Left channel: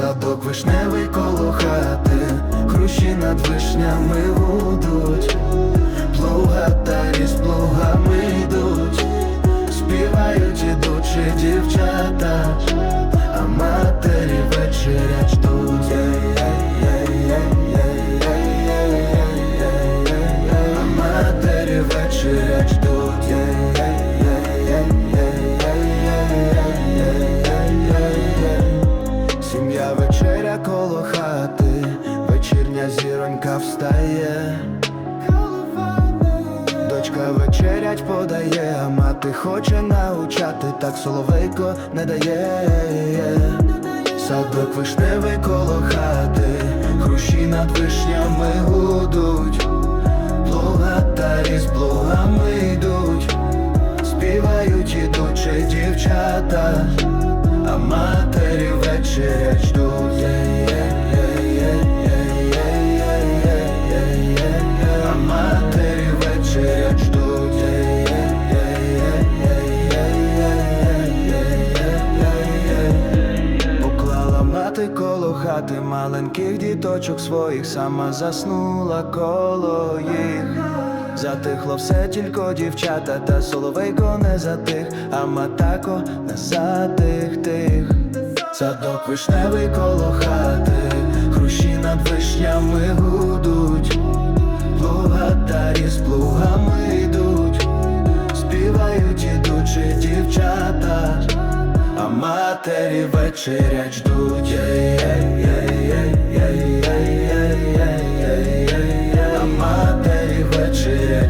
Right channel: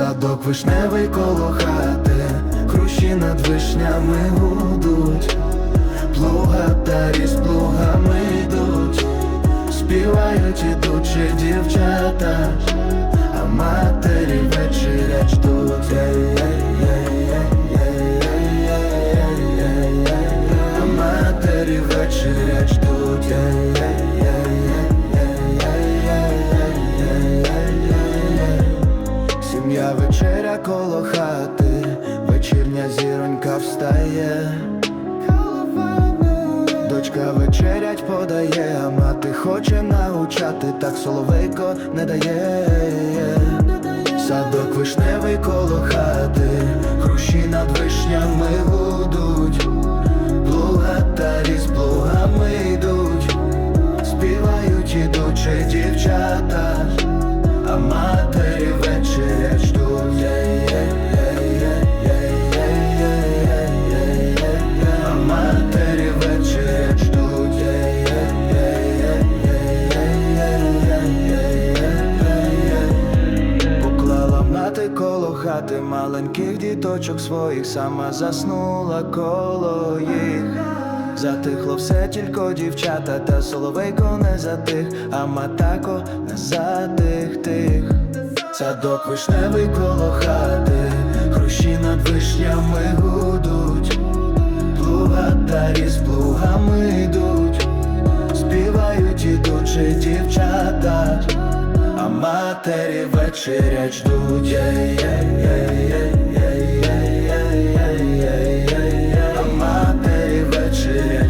Садок вишневий коло хати, хрущі над вишнями гудуть, плугатарі з плугами йдуть, співають ідучі дівчата, а матері вечерять ждуть. А матері вечерять ждуть. Сім'я вечеря коло хати, вечірня зіронька встає. Дочка вечерять подає, а мати хоче научати, так соловейко не дає. Садок вишневий коло хати, хрущі над вишнями гудуть, плугатарі з плугами йдуть, співають ідучі дівчата, а матері вечерять ждуть. А матері вечерять ждуть. Поклала мати коло хати маленьких діточок своїх, сама заснула коло їх. Затихло все тільки дівчата, та соловейко не затих, а матако не затих тих садок вишневий коло хати, хрущі над вишнями гудуть, плугатарі з плугами йдуть, співають ідучі дівчата, а матері вечерять ждуть. А матері вечерять.